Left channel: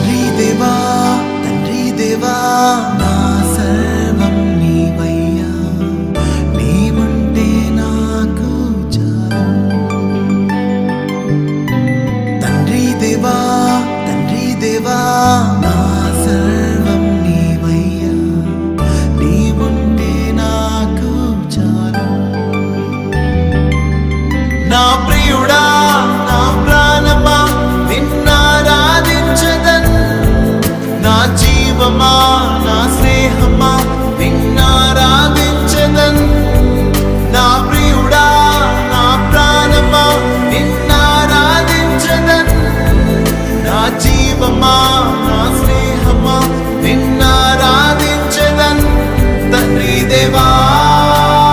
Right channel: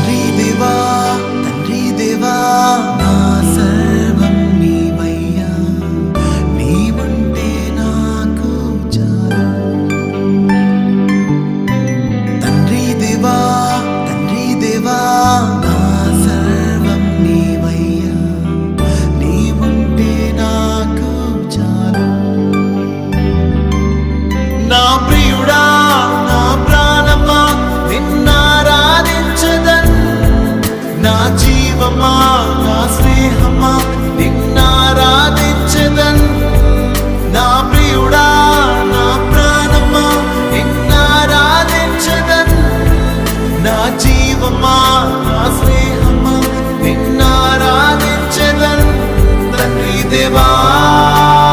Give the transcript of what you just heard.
తండ్రి దేవా నా సర్వం నీవయ్యా, నీవుంటే నాకు చాలు. తండ్రి దేవా నా సర్వం నీవయ్యా, నీవుంటే నాకు చాలు. నా ప్రియుడా నా ప్రాణమా నిన్నారాధించదన్, నా జీవమా నా స్నేహమా నిన్నారాధించదన్. నా ప్రియుడా నా ప్రాణమా నిన్నారాధించదన్, నా జీవమా నా స్నేహమా నిన్నారాధించదన్. తండ్రి దేవా